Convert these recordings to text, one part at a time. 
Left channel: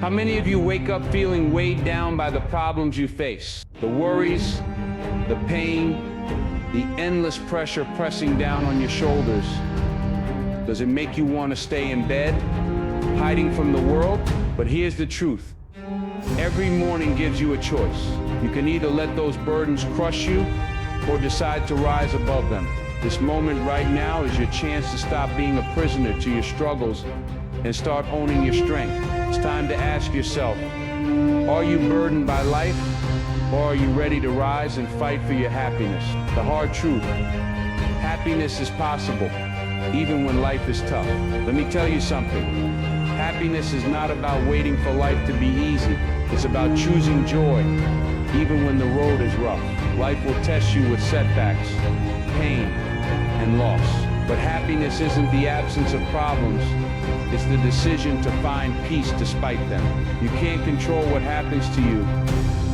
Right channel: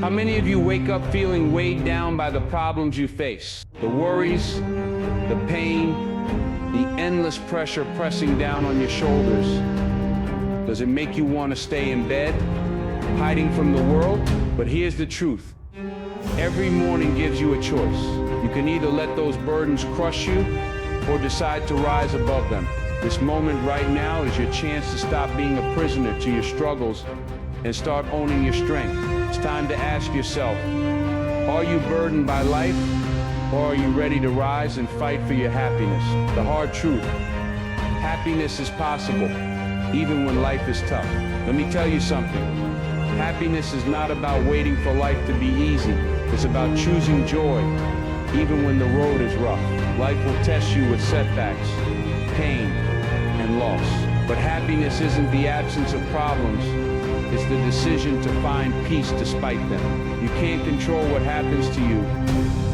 How many of you wake up feeling weighed down by the problems you face? The worries, the pain, the endless pressure pressing down on your shoulders. Does it make you want to stay in bed, hiding from the world? But here's the truth. Every morning gives you a choice. You can either let those burdens crush you or decide to rise above them. This moment right now is your chance to stop being a prisoner to your struggles and start owning your strength. It's time to ask yourself, are you burdened by life, or are you ready to rise and fight for your happiness? The hard truth, happiness is possible, even when life is tough. Let me tell you something. Happiness is not about waiting for life to be easy. It's about choosing joy, even when the road is rough. Life will test you with setbacks, pain, and loss. But happiness isn't the absence of problems. It's the decision to find peace despite them. You can't control what happens to you,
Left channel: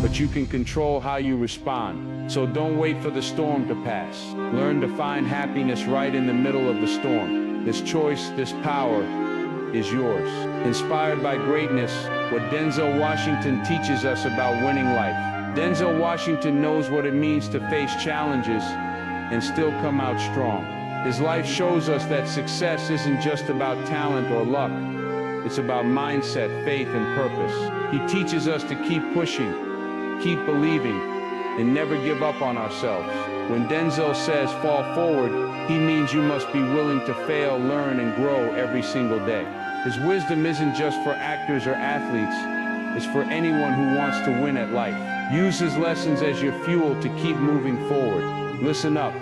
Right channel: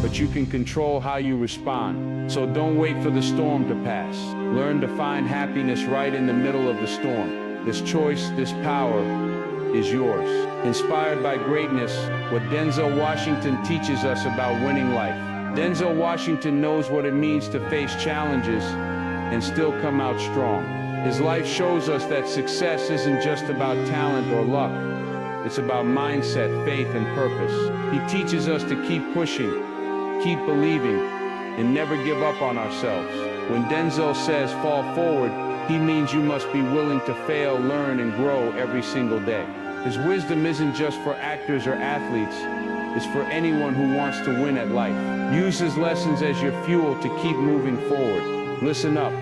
but you can control how you respond. So don't wait for the storm to pass. Learn to find happiness right in the middle of the storm. This choice, this power, is yours. Inspired by greatness, what Denzel Washington teaches us about winning life. Denzel Washington knows what it means to face challenges and still come out strong. His life shows us that success isn't just about talent or luck. It's about mindset, faith, and purpose. He teaches us to keep pushing, keep believing, and never give up on ourselves. When Denzel says fall forward, he means you must be willing to fail, learn, and grow every single day. His wisdom isn't just for actors or athletes. It's for anyone who wants to win at life. Use his lessons as your fuel to keep moving forward. Listen up.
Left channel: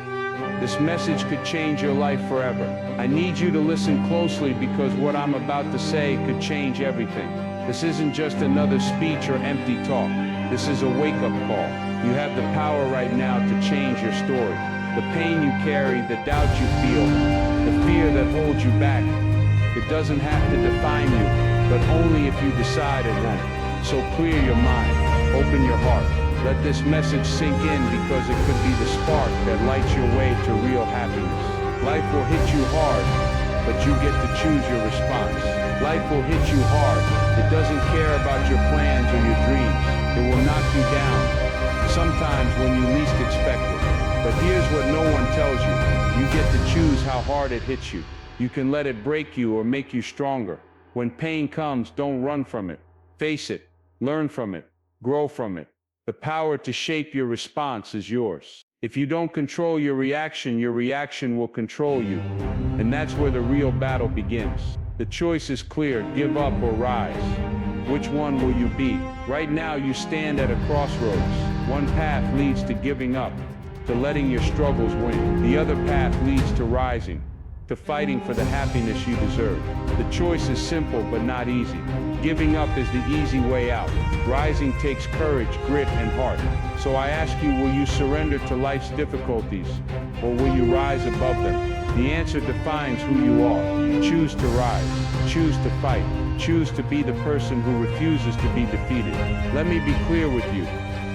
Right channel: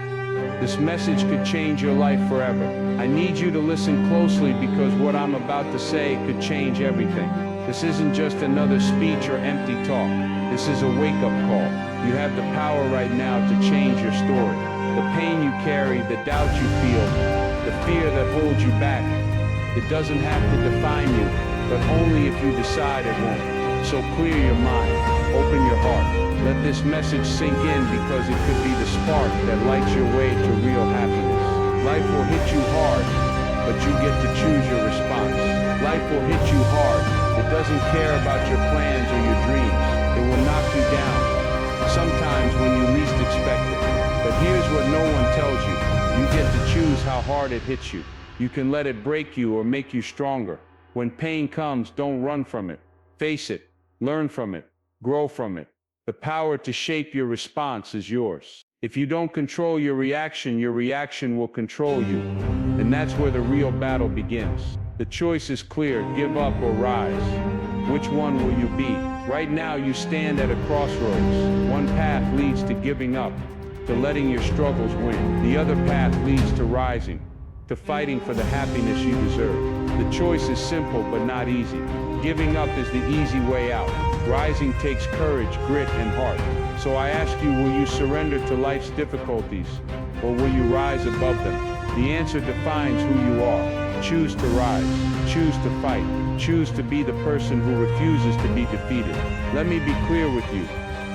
This message could change your life forever. I need you to listen closely because what I'm about to say could change everything. This isn't just another speech or empty talk. This is a wake-up call. You have the power right now to change your story. The pain you carry, the doubt you feel, the fear that holds you back, it doesn't have to define you, but only if you decide it won't. So clear your mind, open your heart. Let this message sink in because it could be the spark that lights your way to real happiness. Life will hit you hard, but you get to choose your response. Life will hit you hard. It doesn't care about your plans or your dreams. It will knock you down, sometimes when you least expect it. But here's what no one tells you. You get to choose how hard it hits you. You can let it break you or make you stronger. When pain comes, don't run from it. Face it, learn from it, grow from it. The power to shape your response is yours. If you don't control your reaction will control you. And that's where the real battle begins. The choice is clear, give up or rise. Which one will you be? Right now you stand at a crossroads. One path leads to giving up, to letting your struggles win. The other path leads to rising, to fighting for the happiness you deserve. The choice is simple but not easy. Giving up is the easy way out. Rising takes courage, grit, and heart. So I ask you, will you surrender to life's difficulties, or will you rise above them? The answer defines who you are. Choose to rise. Choose to fight. Choose to be the person who refuses to be defeated. Let me be clear with you.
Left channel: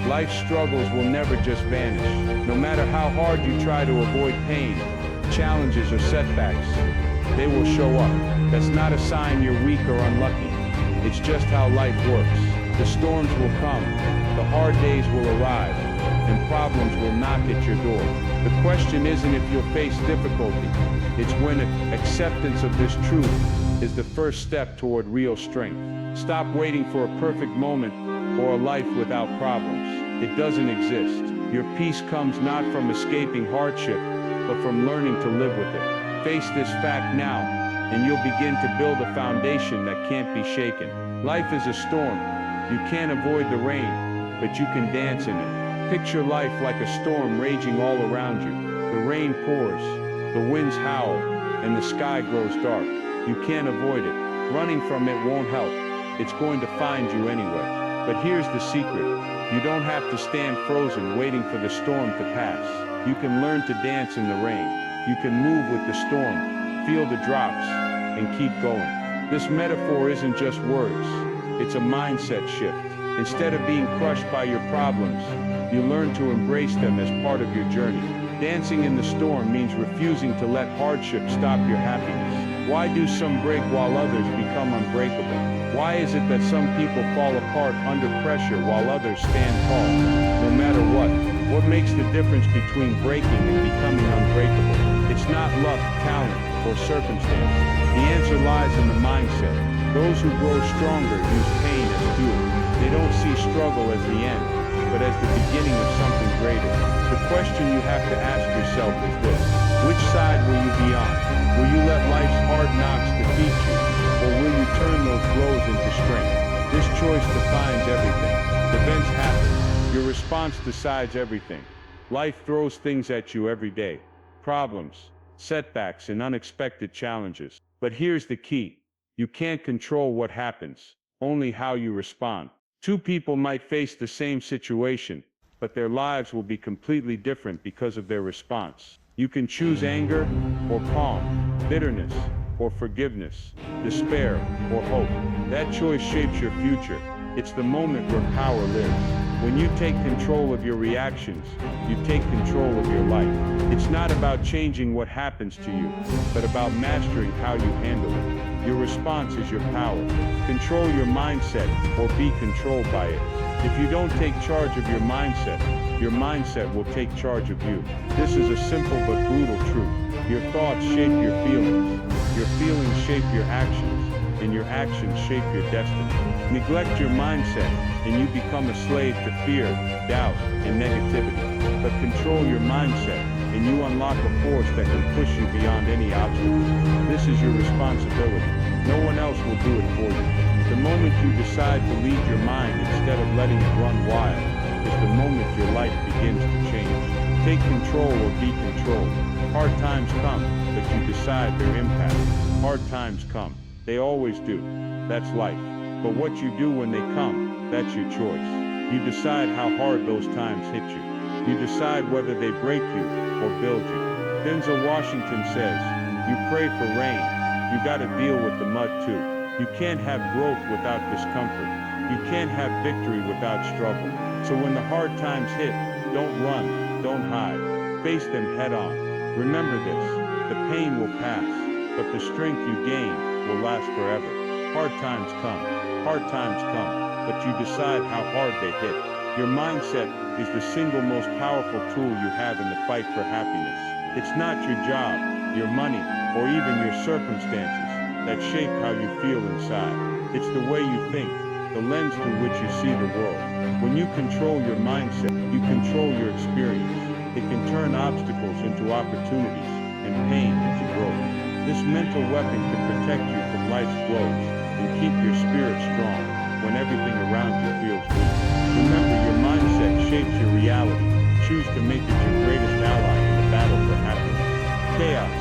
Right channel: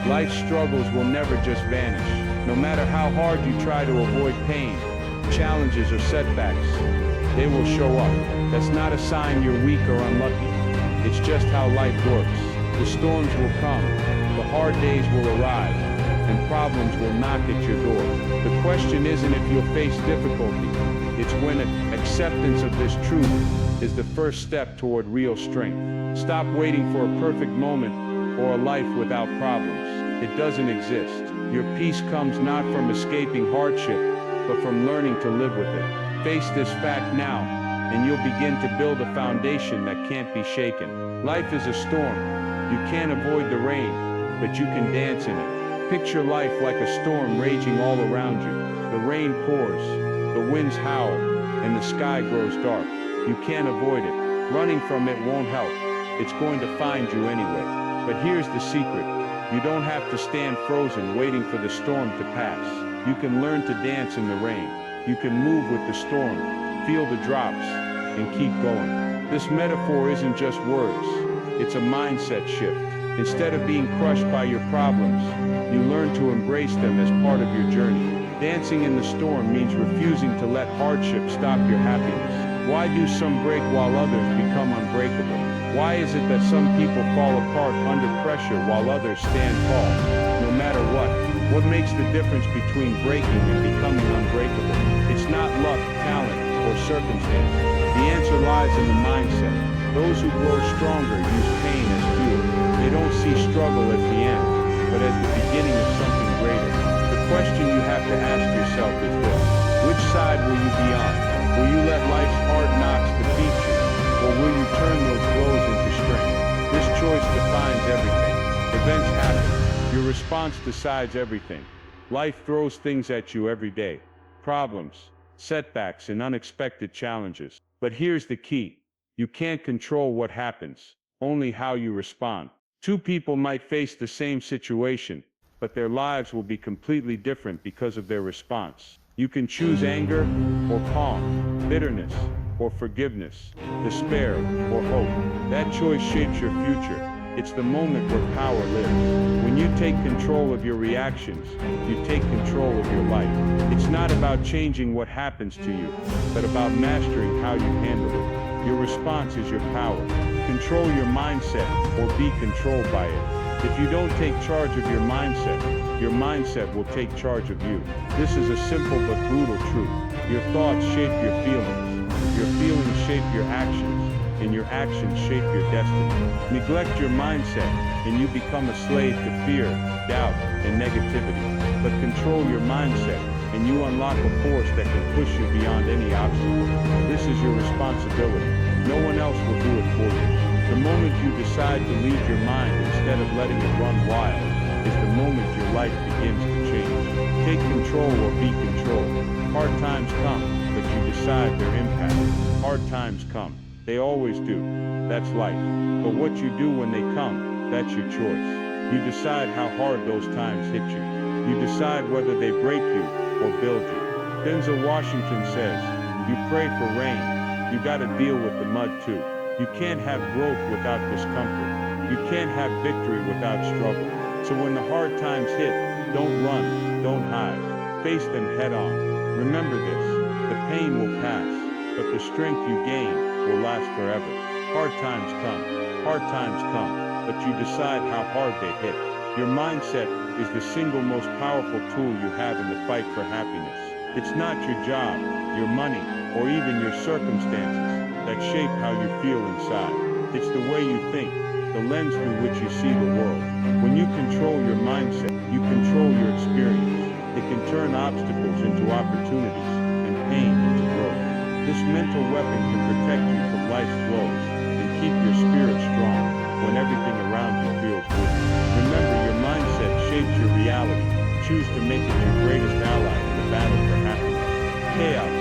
Life's struggles will never just vanish. No matter how hard you try to avoid pain, challenges, or setbacks, they will show up. That's not a sign you're weak or unlucky. It's just how life works. The storms will come, the hard days will arrive, and problems will knock at your door. The question isn't if you'll face difficulty, it's when acceptance of this truth is the first step toward real strength. Stop waiting for a perfect moment or a life without problems. It doesn't exist. Your peace comes not from escaping hardship, but from learning to live with it. Face this fact now, and you'll begin to build a foundation that can't be shaken. Life is a storm. You can't avoid the rain, but you can dance in it. Picture life like a storm raging all around you. The rain pours, the winds howl, and the sky grows dark. You can't avoid it. Running from it won't help. It's going to find you anyway. But here's the secret. You don't have to stand frozen waiting for the storm to pass. You can learn to dance in the rain. You can move with the storm, feel the drops, and keep going. This metaphor isn't just words. It's a mindset shift. Instead of being crushed by your problems, you learn to embrace them as part of your journey. Dancing in the storm means refusing to let hardship stop your happiness. Why do some break while others become unbreakable? Why is it that some people fall apart under pressure while others stand tall? No matter what. What makes the difference between breaking and becoming unbreakable? It's not luck, talent, or circumstances. The answer lies in the mindset. Those who grow stronger use pain as fuel. They don't see struggle as the end, but as the beginning of something greater. The question you have to ask yourself is this: which side will you be on? Will you let life's hard knocks defeat you, or will you turn those blows into strength? This choice defines everything. Events happen. Your response decides everything. Life throws things at you every day. Problems, setbacks, and unexpected challenges. But here's the key. You can't control what happens, only how you respond. Two people might face the same situation, but their lives will be completely different because of their response. You can choose anger or calm, bitterness or forgiveness, despair or hope. That choice shapes your future. It's the moment where power lives. When you take control of your reactions, you take control of your life. It's not about changing what happens to you, but about mastering how you handle it. Your response is your power. Control your mindset or be controlled by it. If you don't take charge of your mindset will take charge of you. This is a simple but brutal truth. Your thoughts shape your feelings shape your actions, and your actions shape your destiny. Neglect your mindset, and you become a slave to fear, doubt, and negativity. But control your mindset, and you unlock a force that can push you beyond any obstacle. This is your responsibility. No one else will do it for you. The moment you decide to lead your mind instead of letting it run wild is the moment your life begins to change. Take control or be controlled. Hard times come, but you decide their impact. Hard times come. They always do. That's life. But what you do when they come, that's your choice. You decide how hard those times hit you. You decide whether they break you or build you. Denzel Washington says, you pray for rain. You gotta deal with the mud too. You can't have growth without discomfort. You can't have victory without struggle. So when the hard times hit, don't run, don't hide. Face them head on. Remember this, the pain will pass, but the strength you gain will last forever. Hard times come, but you decide how hard they hit. Your mindset is the single most powerful tool you have in the fight for happiness. It's not your job, your money, or even your circumstances that shape how you feel inside. It's the way you think, the lens through which you see the world. When you control your mindset, you control your experience. It can turn obstacles into opportunities and pain into growth. This mental weapon can protect you from life's blows and keep your spirit strong when everything around you feels weak. Remember, your mindset shapes your reality. Choose to make it your greatest ally in the battle for happiness. Chaos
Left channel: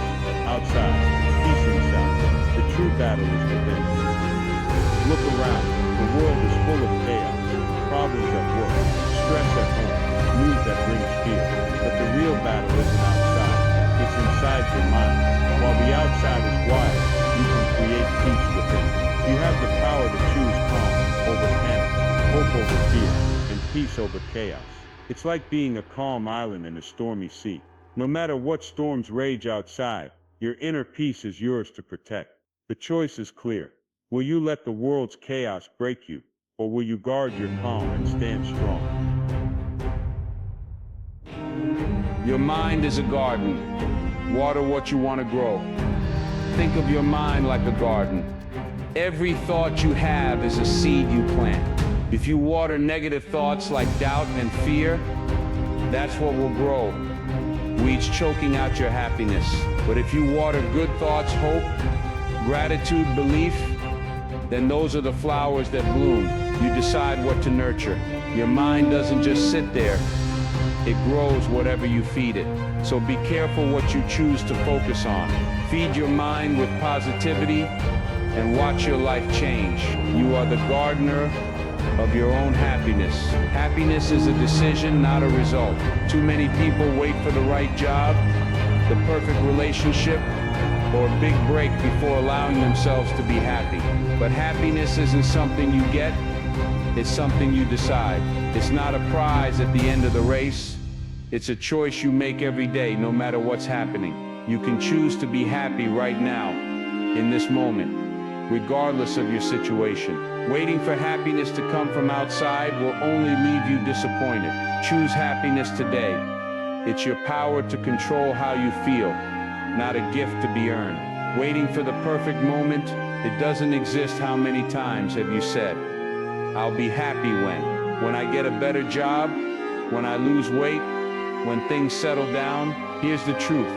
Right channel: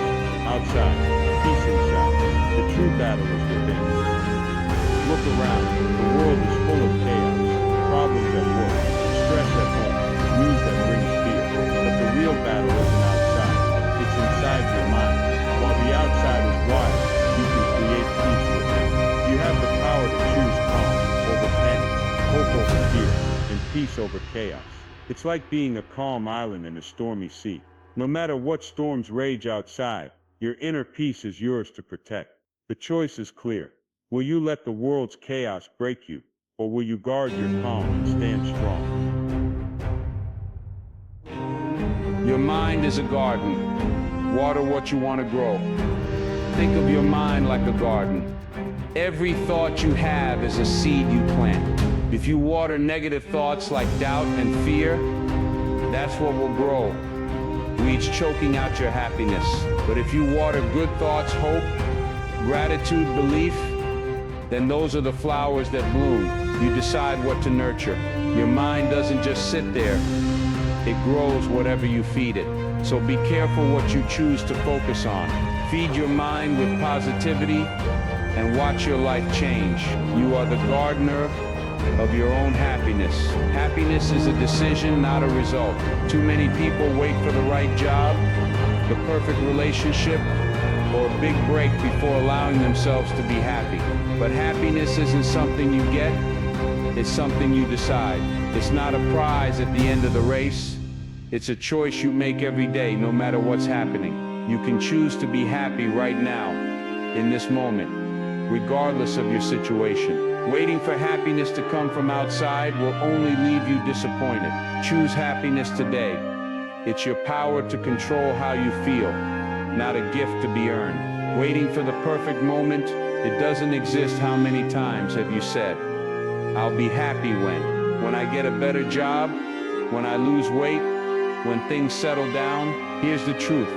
outside, peace inside. The true battle is within. Look around. The world is full of chaos. Problems at work, stress at home, news that brings fear. But the real battle isn't outside. It's inside your mind. While the outside is wild, you can create peace within. You have the power to choose calm over panic, hope over fear, and peace over chaos. It's like being a calm island in a stormy sea. No matter what storms rage outside, your inner peace is yours to protect. The choice is clear. Will you let the world's chaos break you, or will you guard your calm and stand strong? Your mind is a garden. Water what you want to grow. Think of your mind like a garden. Every thought you have is a seed you plant. If you water negative thoughts like doubt and fear, that's what will grow. Weeds choking out your happiness. But if you water good thoughts, hope, gratitude, belief, then those are the flowers that bloom. You decide what to nurture. Your mind doesn't just sit there. It grows whatever you feed it. So be careful what you choose to focus on. Feed your mind with positivity and watch your life change. You are the gardener of your own happiness. Happiness is a decision, not a result. Too many people wait for the right job, the perfect relationship, or a big break before allowing themselves to be happy. But happiness isn't something you get, it's something you decide. It's not a prize at the end of the race. It's a choice you make every day, no matter what's happening. You can choose to be happy right now, in this moment. regardless of your situation. Waiting for happiness to come from outside will only leave you disappointed. Choose happiness today. It's your power to control how you feel, not a gift to be earned. Waiting for the perfect moment, it doesn't exist. How many times have you said, "I'll be happy when I get a better job, when I lose weight, when things settle down"? Here's the truth.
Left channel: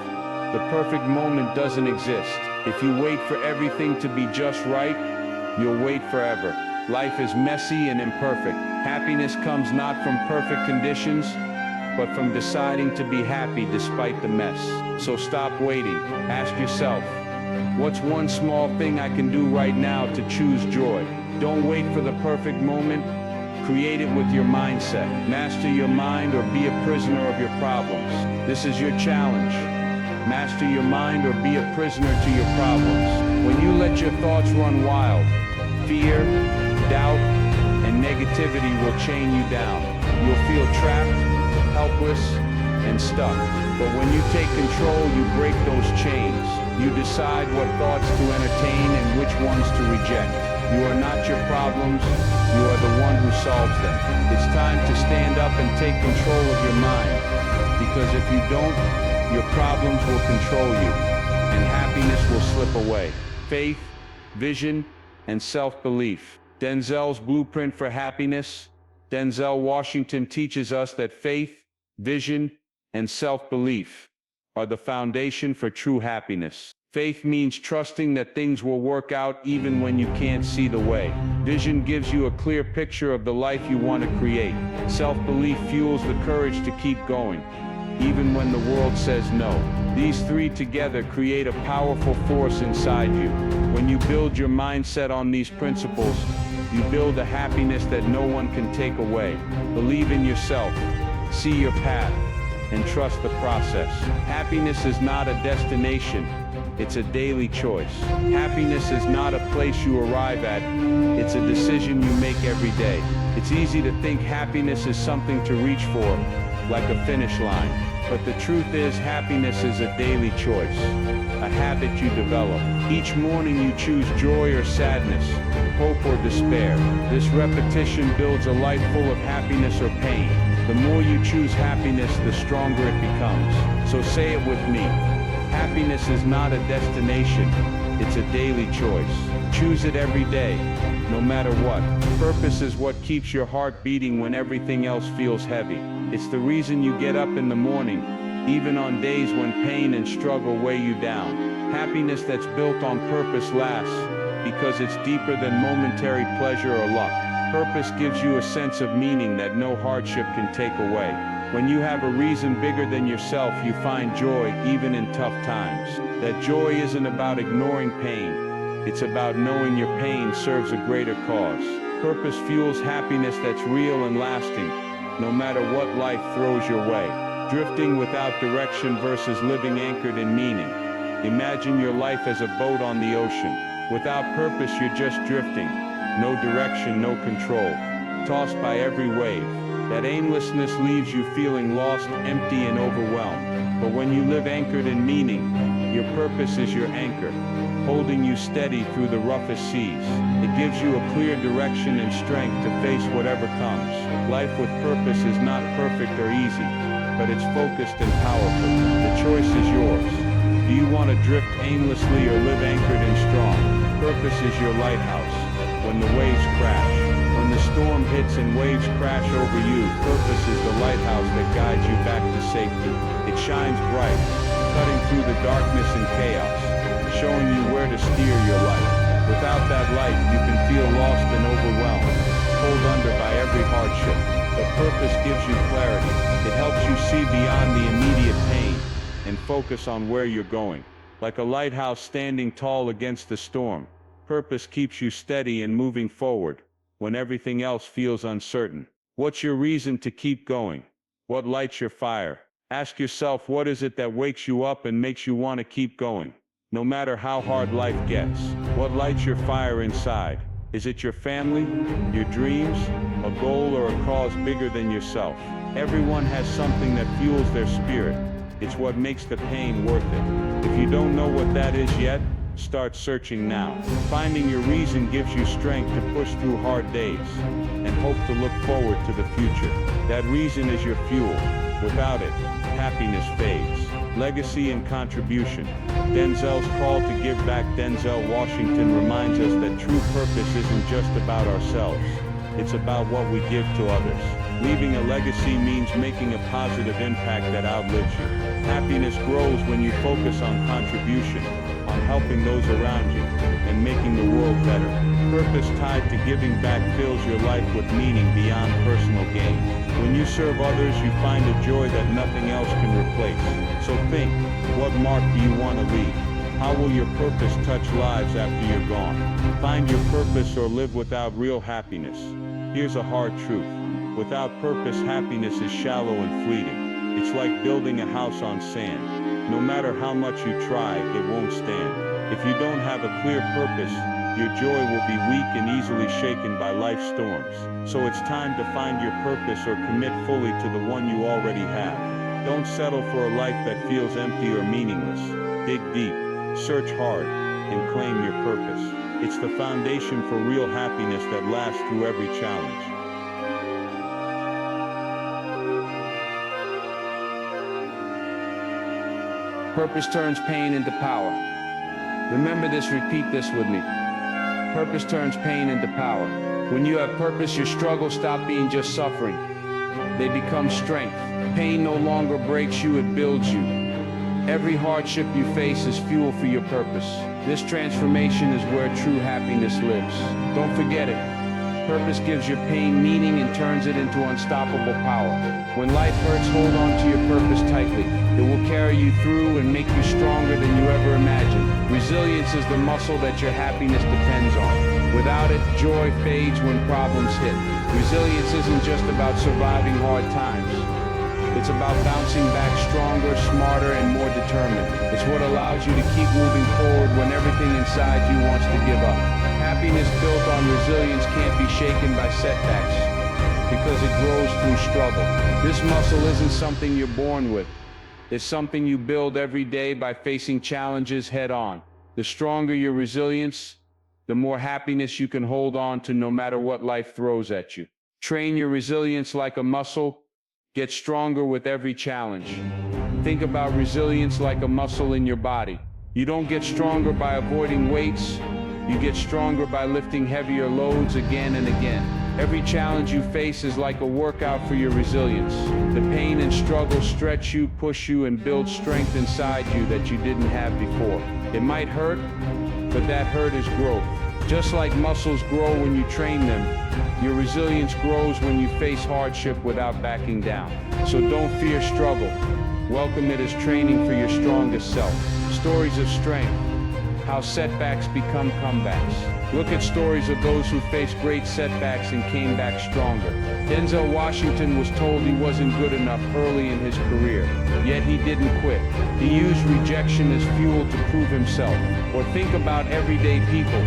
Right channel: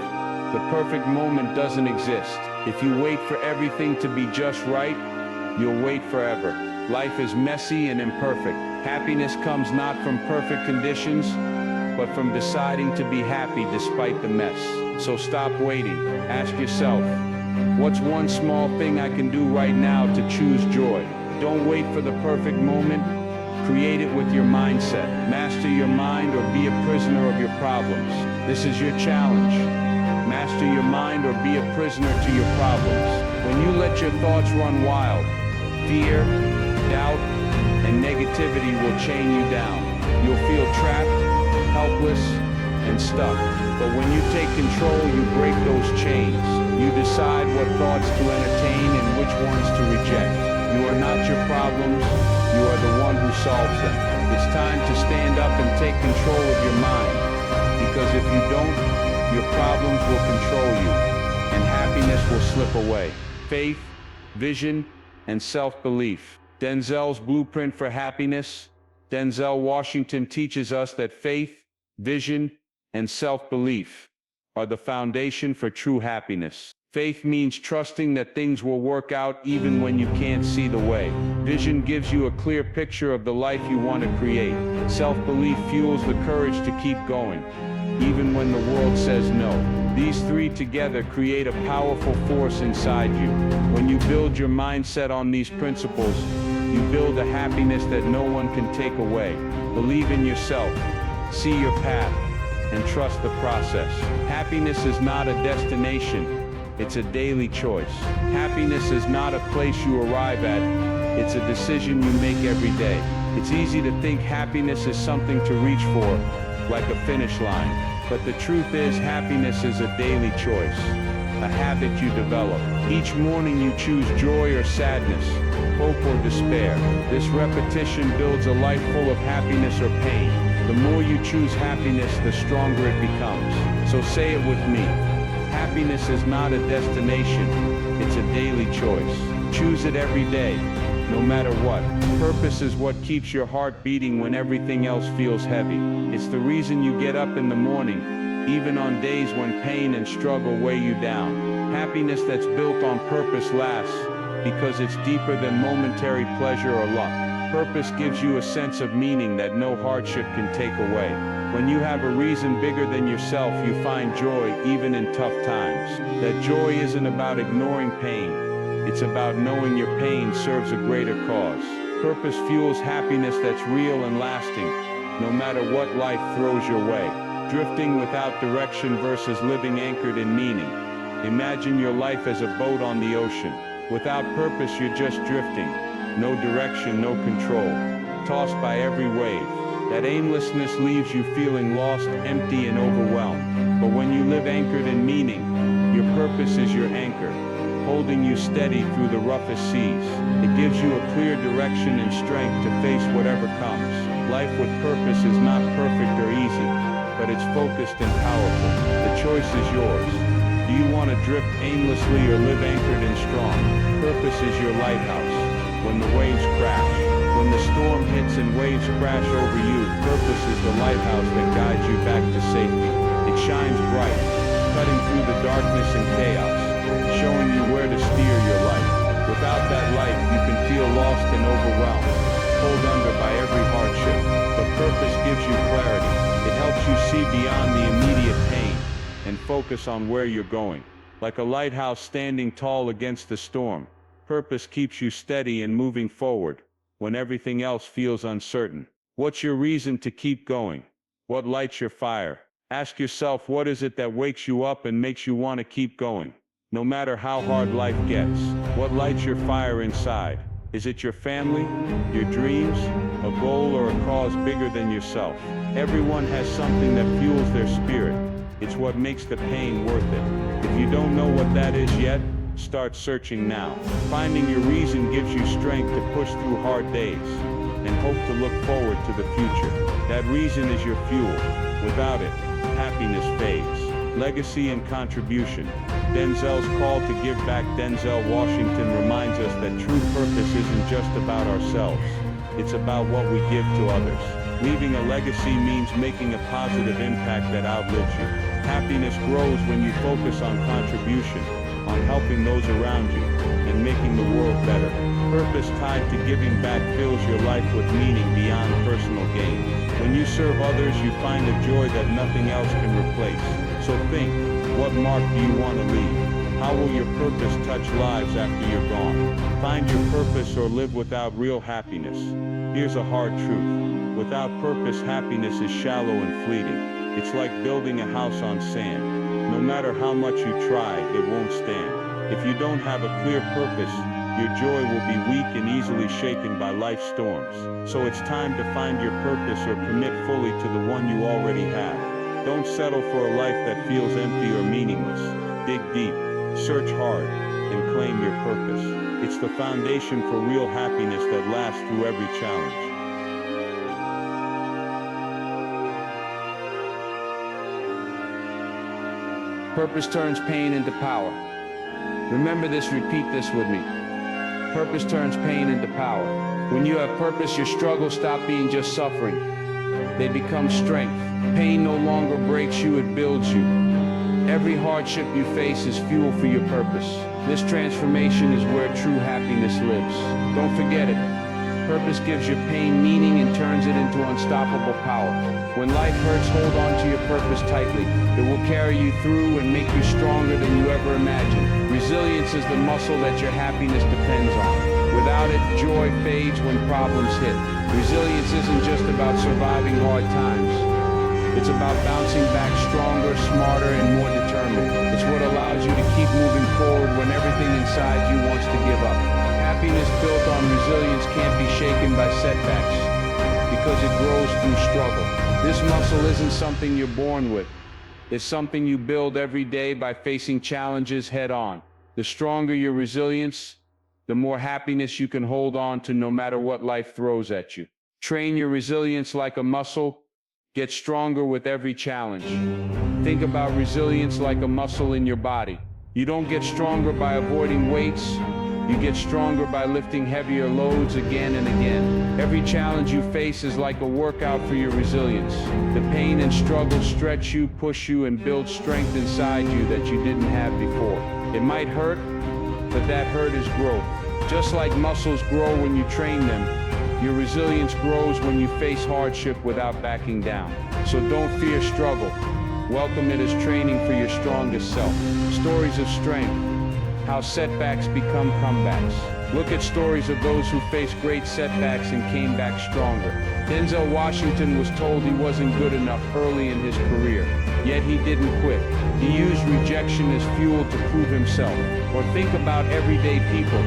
The perfect moment doesn't exist. If you wait for everything to be just right, you'll wait forever. Life is messy and imperfect. Happiness comes not from perfect conditions, but from deciding to be happy despite the mess. So stop waiting. Ask yourself, what's one small thing I can do right now to choose joy? Don't wait for the perfect moment. Create it with your mindset. Master your mind or be a prisoner of your problems. This is your challenge. Master your mind or be a prisoner to your problems. When you let your thoughts run wild, fear, doubt, and negativity will chain you down. You'll feel trapped, helpless, and stuck. But when you take control, you break those chains. You decide what thoughts to entertain and which ones to reject. You are not your problems, you are the one who solves them. It's time to stand up and take control of your mind, because if you don't, your problems will control you, and happiness will slip away. Faith, vision, and self-belief. Denzel's blueprint for happiness. Denzel Washington teaches us that faith, vision, and self-belief are the foundation for true happiness. Faith means trusting that things will work out even when you can't see the way. Vision gives you a clear picture of the life you want to create. Self-belief fuels the courage to keep going, even when the world says no. These three together create a powerful force inside you. When you build your mindset on these principles, you build a happiness that no one can take away. Believe in yourself, see your path, and trust the process. Happiness is not a destination, it's a daily choice. Happiness is not a place you arrive at, it's a decision you make every day. It's easy to think happiness is something to reach for, like a finish line. But the truth is, happiness is a daily choice, a habit you develop. Each morning you choose joy or sadness, hope or despair. This repetition builds a life full of happiness or pain. The more you choose happiness, the stronger it becomes. So say it with me. Happiness is not a destination, it's a daily choice. Choose it every day, no matter what. Purpose is what keeps your heart beating when everything else feels heavy. It's the reason you get up in the morning, even on days when pain and struggle weigh you down. Happiness that's built on purpose lasts, because it's deeper than momentary pleasure or luck. Purpose gives you a sense of meaning that no hardship can take away. When you have a reason bigger than yourself, you find joy even in tough times. That joy isn't about ignoring pain, it's about knowing your pain serves a greater cause. Purpose fuels happiness that's real and lasting, no matter what life throws your way. Drifting without direction versus living anchored in meaning. Imagine your life as a boat on the ocean. Without purpose, you're just drifting. No direction, no control. Tossed by every wave. That aimlessness leaves you feeling lost, empty, and overwhelmed. But when you live anchored in meaning, your purpose is your anchor, holding you steady through the roughest seas. It gives you a clear direction and strength to face whatever comes. Life with purpose is not perfect or easy, but it's focused and powerful. The choice is yours. Do you want to drift aimlessly or live anchored and strong? Purpose is your lighthouse. When the waves crash, when the storm hits and waves crash over you, purpose is the lighthouse that guides you back to safety. It shines bright, cutting through the darkness and chaos, showing you where to steer your life. Without that light, you can feel lost and overwhelmed, pulled under by every hardship. But purpose gives you clarity. It helps you see beyond the immediate pain and focus on where you're going. Like a lighthouse standing tall against the storm, purpose keeps you steady and moving forward when everything else feels uncertain. What's your reason to keep going? What lights your fire? Ask yourself, what is it that wakes you up and makes you want to keep going? No matter how hard life gets, what lights your fire inside? Is it your family, your dreams, a goal, or a cause bigger than yourself? Everyone has something that fuels their spirit. It's what makes the pain worth it. If you don't know what that is yet, Start searching now. Finding your reason gives you strength to push through hard days and hope to look forward to the future. That reason is your fuel. Without it, happiness fades. Legacy and contribution. Denzel's call to give back. Denzel Washington reminds us that true purpose isn't just about ourselves. It's about what we give to others. Leaving a legacy means making a positive impact that outlives you. Happiness grows when you focus on contribution, on helping those around you, and making the world better. Purpose tied to giving back fills your life with meaning beyond personal gain. When you serve others, you find a joy that nothing else can replace. So think, what mark do you want to leave? How will your purpose touch lives after you're gone? Find your purpose or live without real happiness. Here's a hard truth. Without purpose, happiness is shallow and fleeting. It's like building a house on sand. No matter how much you try, it won't stand. If you don't have a clear purpose, your joy will be weak and easily shaken by life's storms. So it's time to find your purpose or commit fully to the one you already have. Don't settle for a life that feels empty or meaningless. Dig deep, search hard, and claim your purpose. It's the foundation for real happiness that lasts through every challenge. Purpose turns pain into power. Remember this, repeat this with me. Purpose turns pain into power. When you have purpose, your struggles stop being just suffering. They become strength. Pain no longer breaks you, it builds you. Every hardship you face is fuel for your purpose. This transformation is where true happiness lives. Don't forget it. Purpose gives your pain meaning and turns it into unstoppable power. When life hurts, hold on to your purpose tightly. It will carry you through and make you stronger than you ever imagined. Resilience is the muscle that your happiness depends on. Without it, joy fades when problems hit. Resilience isn't just about surviving hard times. It's about bouncing back stronger, smarter, and more determined. It's what allows you to keep moving forward when everything inside you wants to give up. Happiness built on resilience can't be shaken by setbacks because it grows through struggle. This muscle isn't something you're born with. It's something you build every day by facing challenges head on. The stronger your resilience, the more happiness you can hold on to no matter what life throws at you. Train your resilience like a muscle. Get stronger with every challenge. Think about resilience like a muscle in your body. You don't get stronger by avoiding weights. You get stronger by lifting heavier loads again and again. Every challenge you face is like a workout for your resilience. The pain and struggle stretch you, push you, and build strength inside you that you didn't have before. It might hurt, but that hurt is growth. Just like muscles grow when you train them, your resilience grows when you face hardship without backing down. So don't fear struggle. Welcome it as training for your strongest self. Stories of strength. How setbacks become comebacks. Look at stories of those who faced great setbacks and came back stronger. Denzel Washington was told he wasn't good enough early in his career, yet he didn't quit. He used rejection as fuel to prove himself. Or think about everyday people.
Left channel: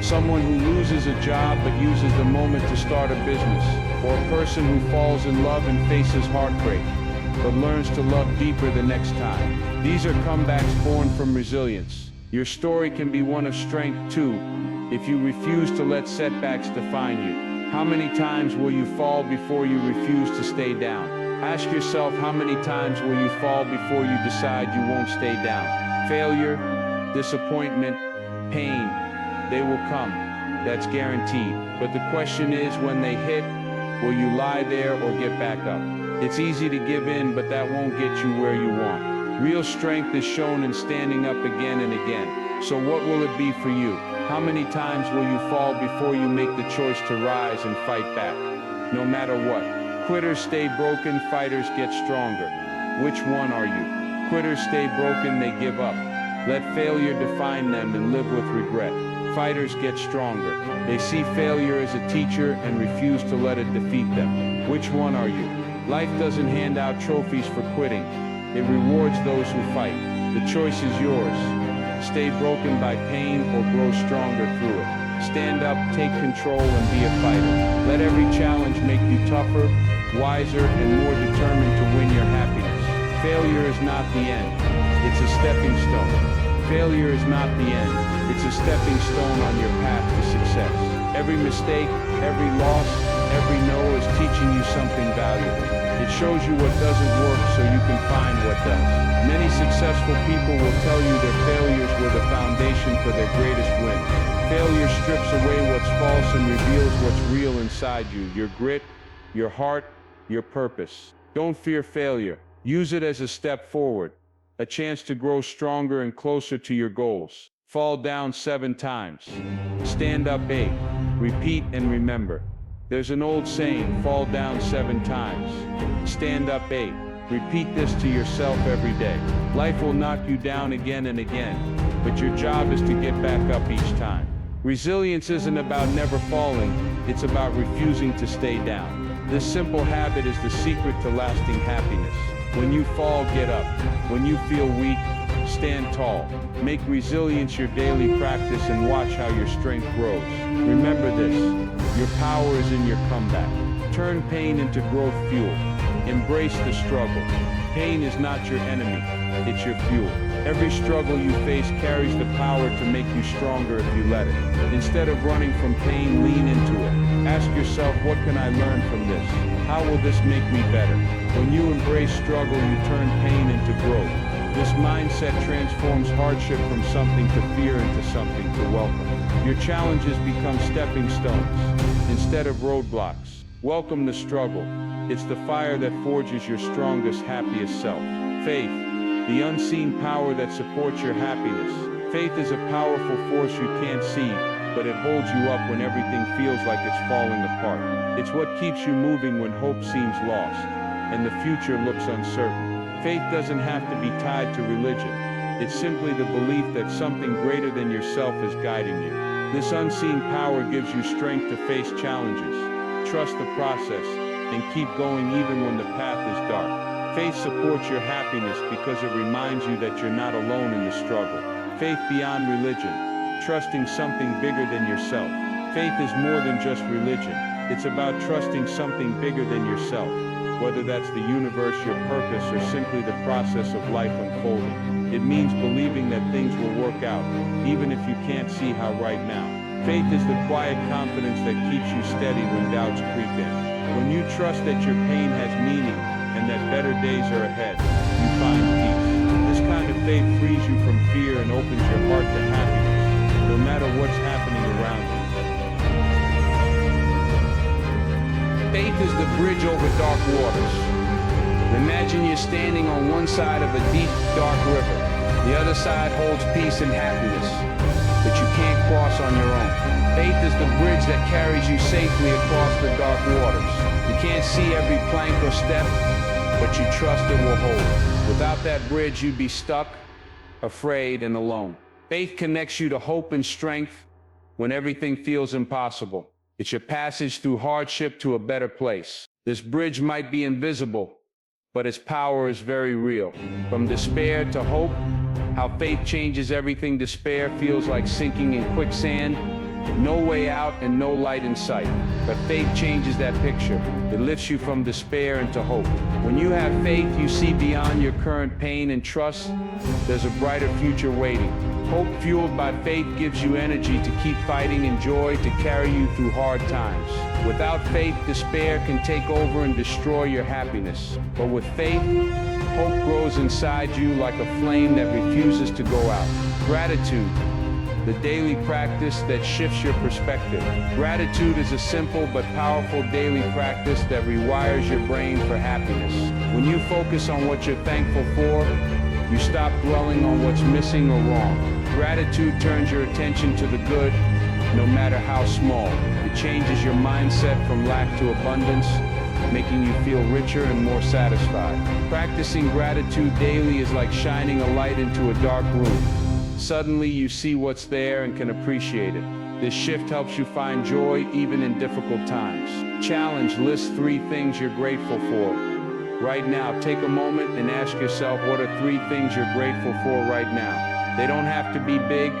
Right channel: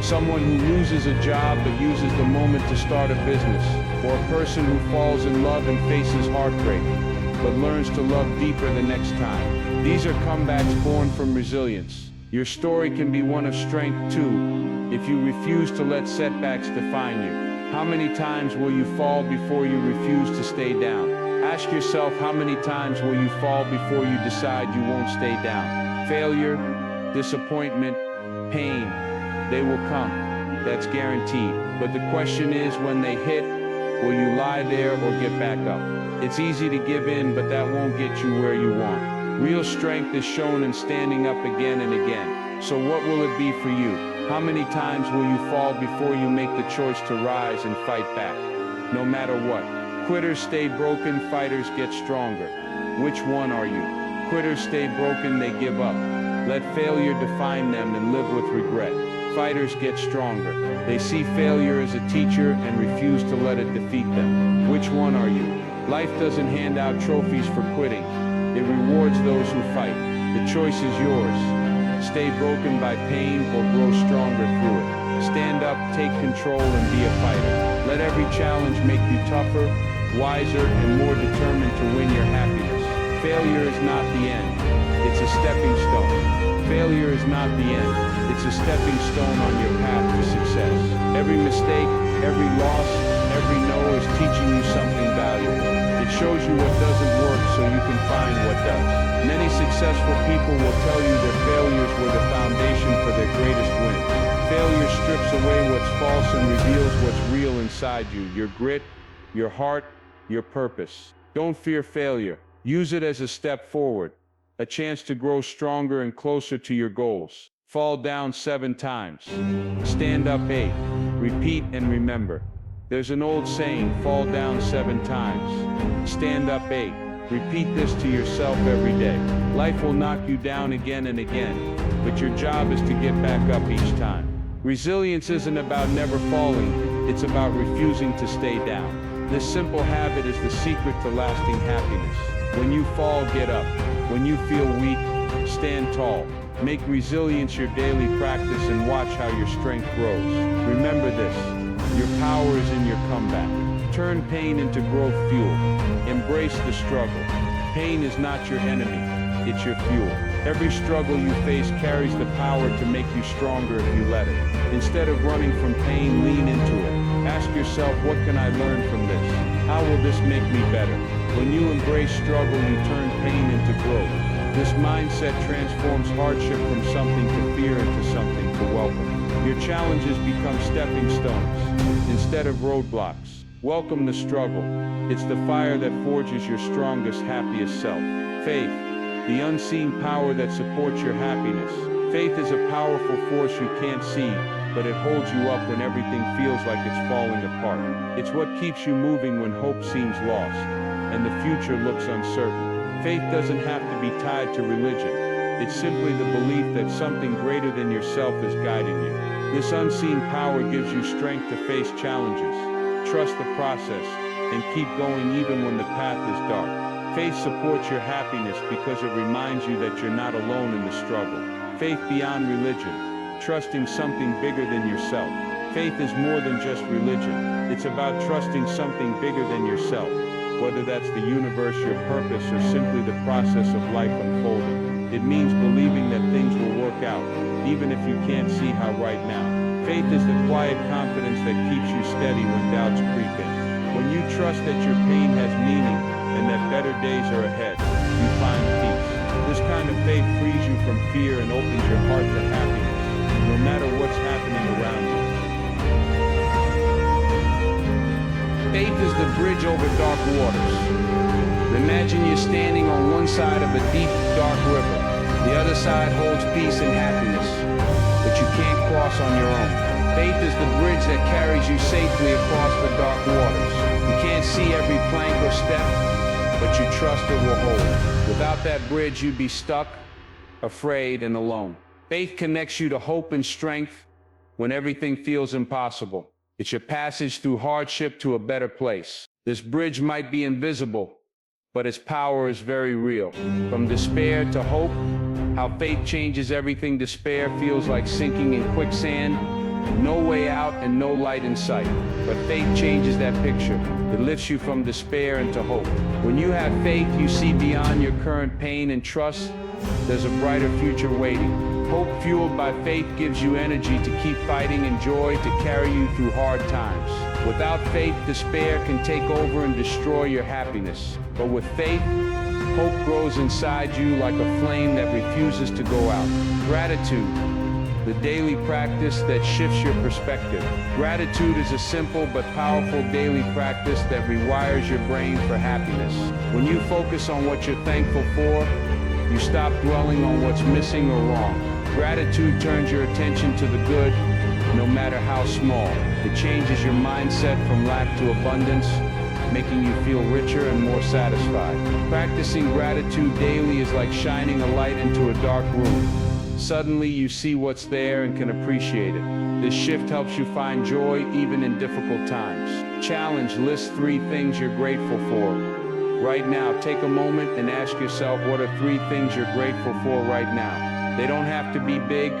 Someone who loses a job but uses the moment to start a business. Or a person who falls in love and faces heartbreak, but learns to love deeper the next time. These are comebacks born from resilience. Your story can be one of strength too, if you refuse to let setbacks define you. How many times will you fall before you refuse to stay down? Ask yourself, how many times will you fall before you decide you won't stay down? Failure, disappointment, pain, they will come. That's guaranteed. But the question is, when they hit, will you lie there or get back up? It's easy to give in, but that won't get you where you want. Real strength is shown in standing up again and again. So what will it be for you? How many times will you fall before you make the choice to rise and fight back? No matter what. Quitters stay broken, fighters get stronger. Which one are you? Quitters stay broken, they give up. Let failure define them and live with regret. Fighters get stronger. They see failure as a teacher and refuse to let it defeat them. Which one are you? Life doesn't hand out trophies for quitting. It rewards those who fight. The choice is yours. Stay broken by pain or grow stronger through it. Stand up, take control, and be a fighter. Let every challenge make you tougher, wiser, and more determined to win your happiness. Failure is not the end. It's a stepping stone. Failure is not the end. It's a stepping stone on your path to success. Every mistake, every loss, every no is teaching you something valuable. It shows you what doesn't work so you can find what does. Many successful people will tell you their failures were the foundation for their greatest wins. Failure strips away what's false and reveals what's real inside you, your grit, your heart, your purpose. Don't fear failure. Use it as a step forward, a chance to grow stronger and closer to your goals. Fall down 7 times. Stand up 8. Repeat and remember. There's an old saying, fall down 7 times. Stand up 8. Repeat this to yourself every day. Life will knock you down again and again, but your job is to get back up each time. Resilience isn't about never falling, it's about refusing to stay down. This simple habit is the secret to lasting happiness. When you fall, get up. When you feel weak, stand tall. Make resilience your daily practice and watch how your strength grows. Remember this, your power is in your comeback. Turn pain into growth fuel. Embrace the struggle. Pain is not your enemy, it's your fuel. Every struggle you face carries the power to make you stronger if you let it. Instead of running from pain, lean into it. Ask yourself, what can I learn from this? How will this make me better? When you embrace struggle, you turn pain into growth. This mindset transforms hardship from something to fear into something to welcome. Your challenges become stepping stones instead of roadblocks. Welcome the struggle. It's the fire that forges your strongest, happiest self. Faith, the unseen power that supports your happiness. Faith is a powerful force you can't see, but it holds you up when everything feels like it's falling apart. It's what keeps you moving when hope seems lost and the future looks uncertain. Faith doesn't have to be tied to religion. It's simply the belief that something greater than yourself is guiding you. This unseen power gives you strength to face challenges. Trust the process and keep going even when the path is dark. Faith supports your happiness because it reminds you that you're not alone in the struggle. Faith beyond religion, trusting something bigger than yourself. Faith is more than just religion. It's about trusting something bigger than yourself, whether that's the universe, your purpose, or simply the process of life unfolding. It means believing that things will work out, even if you can't see how right now. Faith is the quiet confidence that keeps you steady when doubts creep in. When you trust that your pain has meaning and that better days are ahead, you find peace. This kind of faith frees you from fear and opens your heart to happiness, no matter what's happening around you. Faith is the bridge over dark waters. Imagine you're standing on one side of a deep, dark river. The other side holds peace and happiness, but you can't cross on your own. Faith is the bridge that carries you safely across the dark waters. You can't see every plank or step, but you trust it will hold. Without that bridge, you'd be stuck, afraid, and alone. Faith connects you to hope and strength when everything feels impossible. It's your passage through hardship to a better place. This bridge might be invisible, but its power is very real. From despair to hope, how faith changes everything. Despair feels like sinking in quicksand, no way out and no light in sight. But faith changes that picture. It lifts you from despair into hope. When you have faith, you see beyond your current pain and trust there's a brighter future waiting. Hope fueled by faith gives you energy to keep fighting and joy to carry you through hard times. Without faith, despair can take over and destroy your happiness. But with faith, hope grows inside you like a flame that refuses to go out. Gratitude, the daily practice that shifts your perspective. Gratitude is a simple but powerful daily practice that rewires your brain for happiness. When you focus on what you're thankful for, you stop dwelling on what's missing or wrong. Gratitude turns your attention to the good, no matter how small. It changes your mindset from lack to abundance, making you feel richer and more satisfied. Practicing gratitude daily is like shining a light into a dark room. Suddenly you see what's there and can appreciate it. This shift helps you find joy even in difficult times. Challenge: list 3 things you're grateful for. Right now, take a moment and ask yourself, what are 3 things you're grateful for right now? They don't have to be big.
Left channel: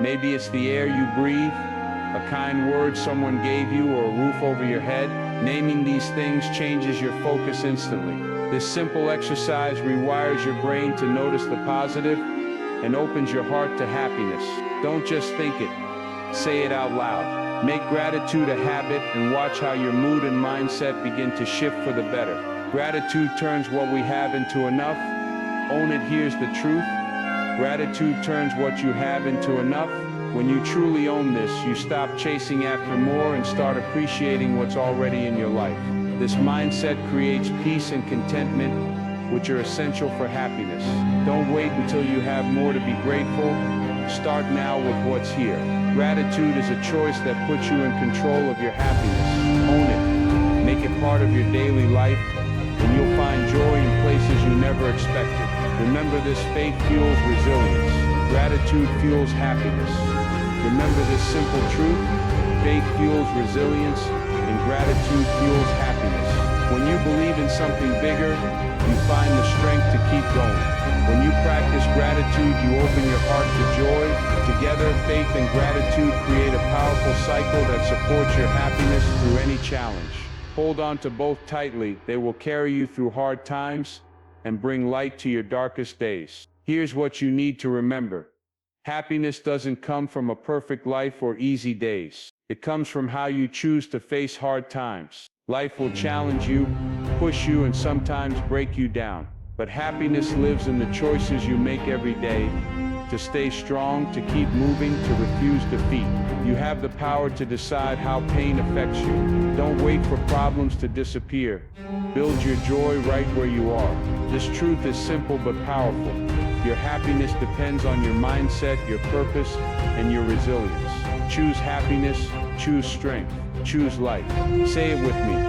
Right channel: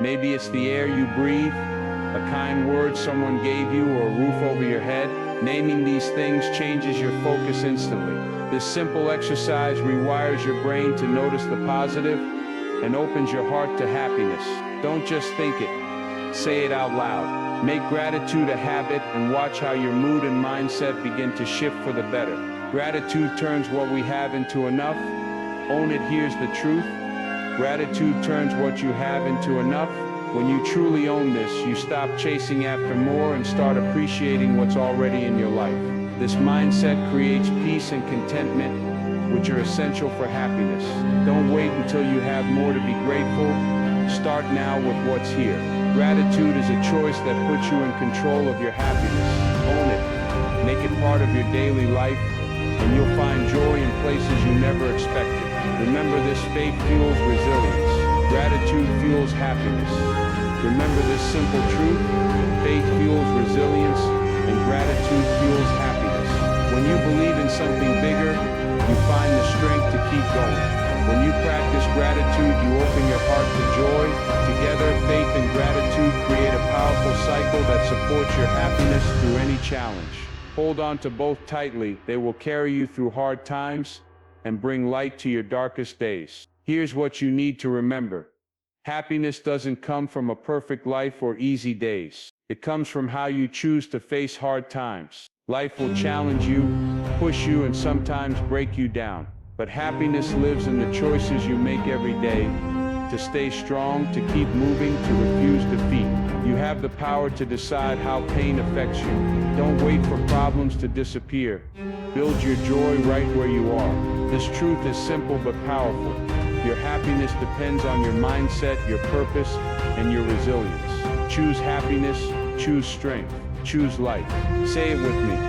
Maybe it's the air you breathe, a kind word someone gave you, or a roof over your head. Naming these things changes your focus instantly. This simple exercise rewires your brain to notice the positive and opens your heart to happiness. Don't just think it, say it out loud. Make gratitude a habit and watch how your mood and mindset begin to shift for the better. Gratitude turns what we have into enough. Own it. Here's the truth. Gratitude turns what you have into enough. When you truly own this, you stop chasing after more and start appreciating what's already in your life. This mindset creates peace and contentment, which are essential for happiness. Don't wait until you have more to be grateful. Start now with what's here. Gratitude is a choice that puts you in control of your happiness. Own it. Make it part of your daily life, and you'll find joy in places you never expected. Remember this: faith fuels resilience. Gratitude fuels happiness. Remember this simple truth: faith fuels resilience, and gratitude fuels happiness. When you believe in something bigger, you find the strength to keep going. When you practice gratitude, you open your heart to joy. Together, faith and gratitude create a powerful cycle that supports your happiness through any challenge. Hold on to both tightly. They will carry you through hard times and bring light to your darkest days. Here's what you need to remember: happiness doesn't come from a perfect life or easy days. It comes from how you choose to face hard times. Life will challenge you, push you, and sometimes break you down. But happiness lives in the choices you make every day: to stay strong, to keep moving, to refuse defeat. You have the power to decide how pain affects you. Don't wait for problems to disappear. Build your joy right where you are. This truth is simple but powerful. Your happiness depends on your mindset, your purpose, and your resilience. Choose happiness, choose strength, choose life. Say it with me:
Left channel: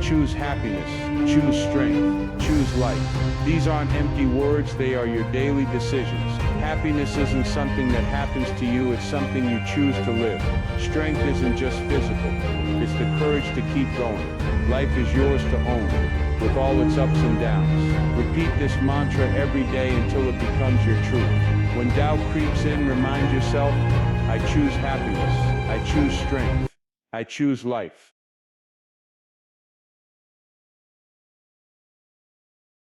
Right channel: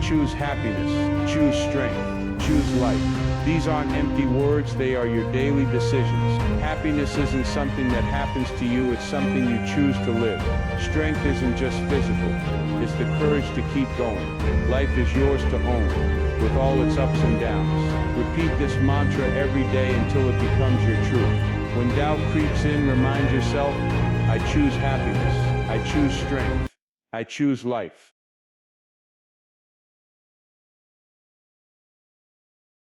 choose happiness, choose strength, choose life. These aren't empty words, they are your daily decisions. Happiness isn't something that happens to you, it's something you choose to live. Strength isn't just physical, it's the courage to keep going. Life is yours to own, with all its ups and downs. Repeat this mantra every day until it becomes your truth. When doubt creeps in, remind yourself: I choose happiness, I choose strength, I choose life.